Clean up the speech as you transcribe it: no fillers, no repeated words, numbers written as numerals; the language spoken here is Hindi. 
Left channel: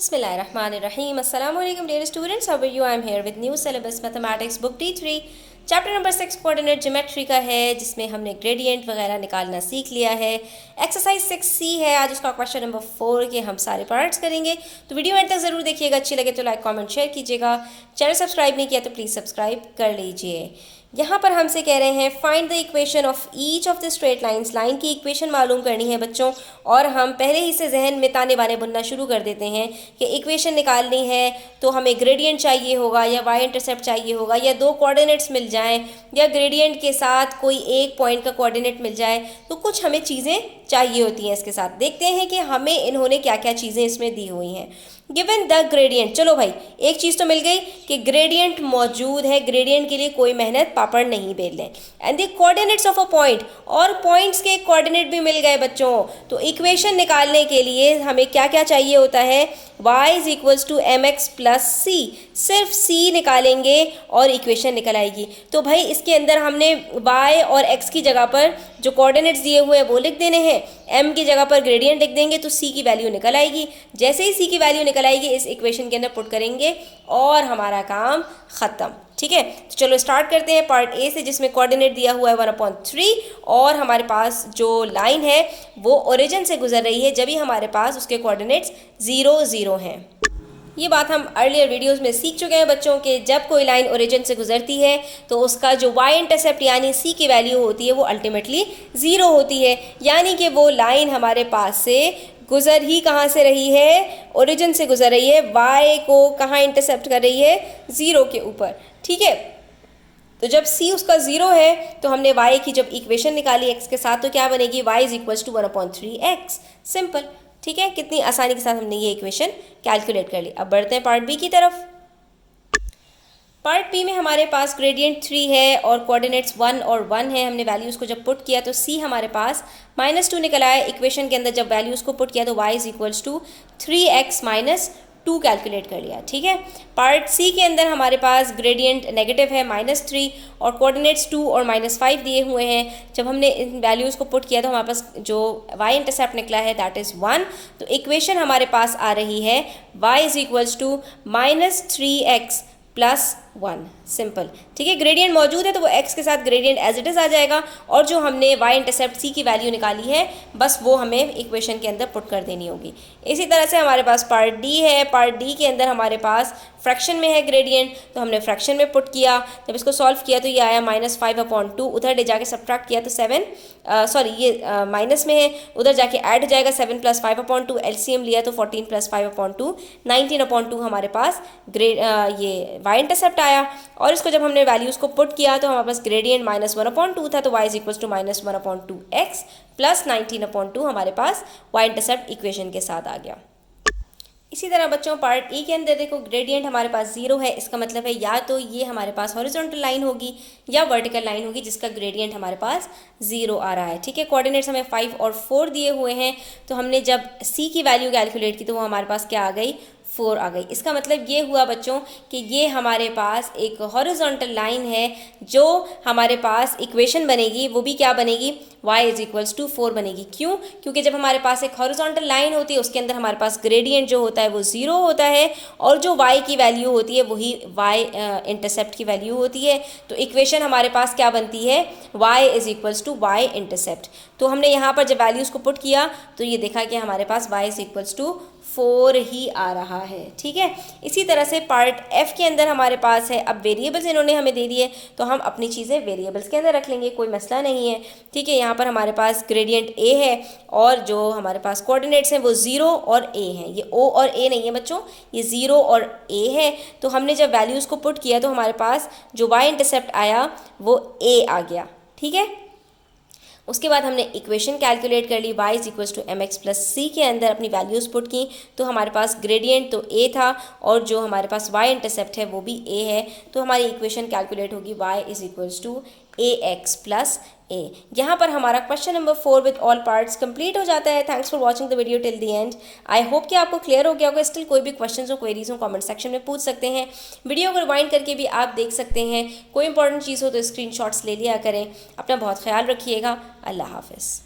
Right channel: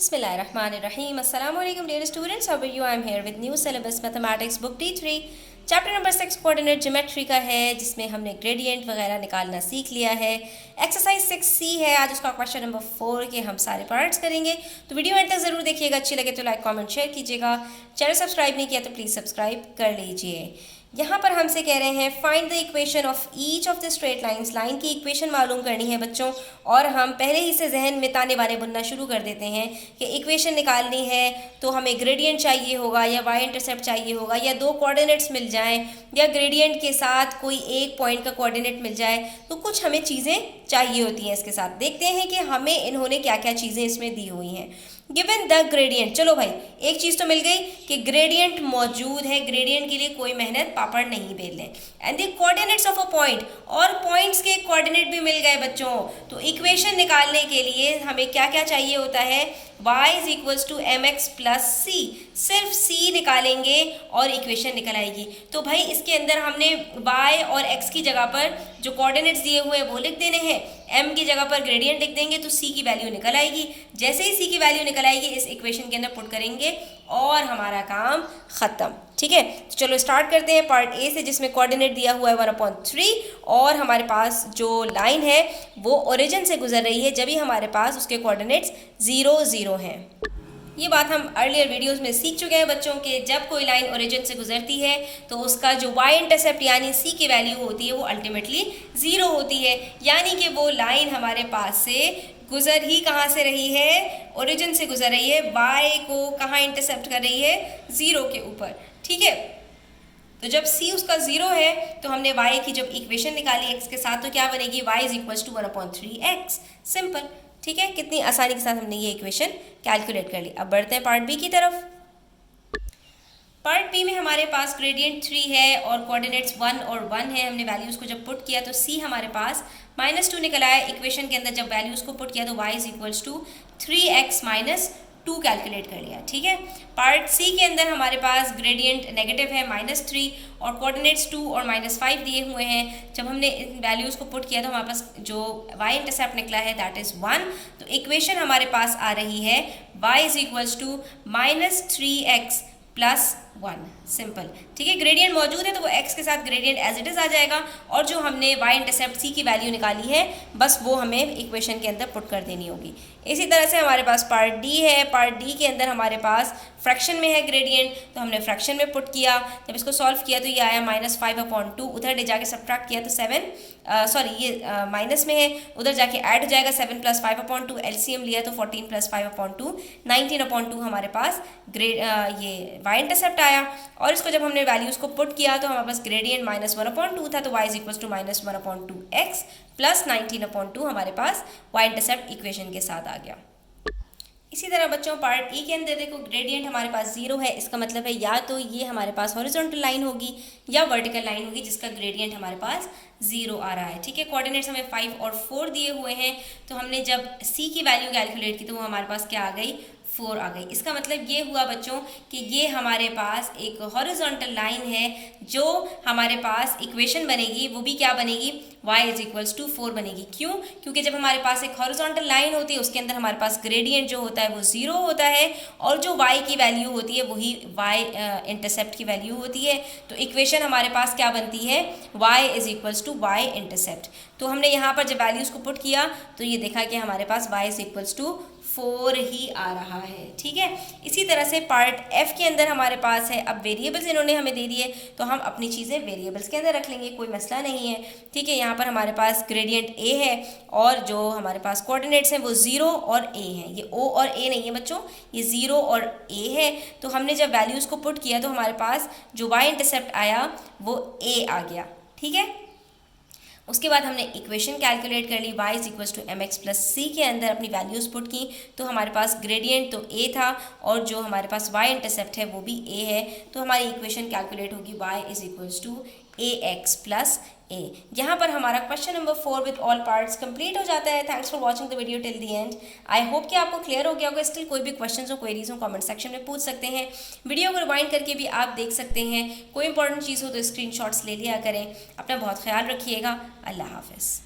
Bismillahirrahmanirrahim. Assalamualaikum dear students. How are you? I am here with new syllabus mathematics book D3 chapter number 6 coordinate geometry का है, जिसमें हमने ग्रेडियंट वगैरह निकालना सीख लिया है। एक्सरसाइज 6C है, आज उसका क्वेश्चन नंबर 4 के हम सारे पार्ट्स करेंगे। तो वीडियो एंड तक जरूर देखिएगा, अच्छी लगे तो लाइक कमेंट शेयर कीजिएगा। चैनल सब्सक्राइब नहीं किया तो प्लीज सब्सक्राइब कर लीजिए। यहाँ पर हमसे कह रहे हैं find the equation of each of the straight lines. Line की इक्वेशन मालूम करनी है बच्चों, और हम पहले ही से जहन में ताने बाने बुनना शुरू कर देते हैं कि इक्वेशन निकालनी है तो हमें ग्रेडियंट चाहिए होगा या वाई इंटरसेप्ट चाहिए होगा या दो कोऑर्डिनेट्स मिल जाएं या ग्रेडियंट के साथ कोई एक पॉइंट का कोऑर्डिनेट मिल जाए, तो कुछ हमें चीज़ें चाहिए होती हैं इसके साथ। देखते हैं कि हमें इन्होंने क्या क्या चीज़ें इसमें दी हुई हैं। गिवन द ग्रेडियंट, चलो भाई एक चीज तो मिल गई कि ग्रेडियंट मौजूद है, ग्रेडियंट के लिए कोई मेहनत पापड़ नहीं बेल लें। And the coordinates of a point, और पॉइंट्स के कोऑर्डिनेट भी मिल गए बच्चों। तो इक्वेशन निकालने के लिए हमें क्या क्या चाहिए होता है, y is equals to M X plus C. सिर्फ c निकालेंगे और इक्वेशन निकल आएगी। तो भाई इसके अंदर हमने y और x की जगह पर जो कोऑर्डिनेट्स दिए हुए हैं वो लिख देने हैं, m की जगह पर ग्रेडियंट लिख देंगे तो c की वैल्यू निकल आएगी। जैसे ही c की वैल्यू निकल आएगी इस इक्वेशन के अंदर पुट करेंगे और हमारा काम खत्म। ठीक है, तो चलो स्टार्ट करते हैं पार्ट ए से, जिसमें कोऑर्डिनेट दिया हुआ है 1/3 और हमारे पास जो लाइन है वो ओरिजिन से गुजर रही है, जब भी हमारे पास उसके कोऑर्डिनेट्स 0 0 हैं। ये बात हम अर्लियर वीडियोस में सीख चुके हैं बच्चों के, जब कोई लाइन ओरिजिन से गुजरती है तो उसका जो y इंटरसेप्ट यानी c की वैल्यू होती है वो अल्टीमेटली 0 होती है। यानी कि वो लाइन हमारे पास से गुजर ही कहाँ से रही है, ओरिजिन से गुजर रही है, y को कहाँ इंटरसेप्ट कर रही है, 0 के ऊपर। ठीक है, तो जब c उसका 0 है तो हमने y की जब इक्वेशन निकाली x के साथ तो क्या बनेगी, y is equals to 1/3x। Simple. ठीक है, कितनी आसानी के साथ हमने ये इक्वेशन कैलकुलेट कर ली। अब बढ़ते हैं पार्ट बी की तरफ। पार्ट बी में हमारे पास ग्रेडियंट 3 है और कोऑर्डिनेट्स 1 और 1 है। हमने वैल्यूज़ को जब पुट किया तो c हमारे पास -2 निकल आया। इक्वेशन के अंदर जब वैल्यूज़ को पुट किया तो y is equals to 3x - 2 calculate कर लिया। ठीक है, पार्ट सी के अंदर हमारे पास ग्रेडियंट नेगेटिव है -3 और कोऑर्डिनेट्स 2 और -5 दिए हुए हैं। जब हमने इन वैल्यूज़ को पुट किया तो हमारे पास जो y इंटरसेप्ट निकला है दैट इज़ 1। तो इक्वेशन हमारे पास आ रही है y is equals to -3x plus 1। Simple. ठीक है, ग्रेडियंट मौजूद है तो वो x के साथ ग्रेडियंट एज इट इज़ आ जाएगा, और जो हमने y इंटरसेप्ट c की वैल्यू निकाली है बस वो हमें इक्वेशन के अंदर पुट कर देनी होगी। इसी तरह से हमारे पास पार्ट डी है। पार्ट डी के अंदर हमारे पास फ्रैक्शन में है ग्रेडियंट, तो हमने फ्रैक्शन में पुट किया। जब इसको सॉल्व किया तो ये आया -5/2, उधर ले जाके सब्ट्रैक्ट किया तो 7 ये माइनस में है, उधर जाके ऐड हो जाएगा 7 + 5/2। एलसीएम लिया तो 14 + 5/2 19/2 हमारे पास ये y इंटरसेप्ट आया। और इसको जब हमने वैल्यूज़ को पुट किया तो हमारे पास ग्रेडियंट -1/2 था, तो y is equals to -1/2x plus 19/2 हमारे पास y इंटरसेप्ट इक्वेशन के साथ आ गया। इसी तरह बच्चों पार्ट ई के अंदर देखो ग्रेडियंट हमारे पास 0 है, इसका मतलब है या तो ये हमारे पास हॉरिजॉन्टल लाइन होगी या वर्टिकल लाइन होगी जिसका ग्रेडियंट हमारे पास 0 आ रहा है। ठीक है, कोऑर्डिनेट्स हमें 5 और 4 दिए हुए हैं, तो हमने जब c की वैल्यू कैलकुलेट की तो वो हमारे पास क्या आ गई, 4 आ गई। इसका मतलब ये हुआ बच्चों कि ये हमारे पास एक हॉरिजॉन्टल लाइन है, जो हमारे पास इक्वेशन बनेगी वो भी क्या बनेगी, y इज इक्वल्स टू 4 बनेगी। क्यों? क्योंकि जब हमारे पास एक हॉरिजॉन्टल लाइन होती है उसके अंदर हमारे पास ग्रेडियंट जो होता है वो 0 होता है, और जो y की वैल्यू होती है वही y इंटरसेप्ट की वैल्यू होती है। तो इक्वेशन हमारे पास क्या बनती है, y is equals to y intercept. तो हमने यहाँ पर जब वैल्यूज़ को पुट किया तो ये देखा कि हमारे पास y इज इक्वल्स टू 4 ही आ रहा है। ठीक है, इसी तरह से पार्ट एफ के अंदर हमारे पास है, अब वेरिएबल्स इन्होंने हमें दे दिए तो हम अपनी चीज़ें वेरिएबल्स के अंदर रख लेंगे, कोई मसला नहीं है। ठीक है, यहाँ पर हमारे पास ग्रेडियंट a है और जो हमारे पास कोऑर्डिनेट्स हैं वो 0 और a हैं। ये o और a नहीं है बच्चों, ये 0 और a है। तो हमने जब वैल्यूज़ को पुट किया तो हमारे पास जो y इंटरसेप्ट आया वो a आ गया। ठीक है, उसके बाद हमने इक्वेशन कैलकुलेट कर ली, y is equals to M X plus C के अंदर अपनी वैल्यूज़ पुट की तो हमारे पास ग्रेडियंट तो a था और जो हमारे पास y इंटरसेप्ट है वो भी a है। तो हमारी इक्वेशन कैलकुलेट होगी y is equals to A X plus A. यहाँ पर हमारा question number 4 with all parts complete हो जाता है। Thanks for watching the video till the end. I hope कि आपको क्लियर हो गया होगा। स्टिल कोई भी क्वेश्चंस हो, क्वेरीज हो, कमेंट सेक्शन में पूछ सकते हैं। वीडियो को रिवाइंड करके भी आप देख सकते हैं। कोई इंपॉर्टेंट चीज़ हो तो स्क्रीनशॉट्स ले लिया करें। अपना बहुत ख्याल रखिएगा। अल्लाह हाफिज़।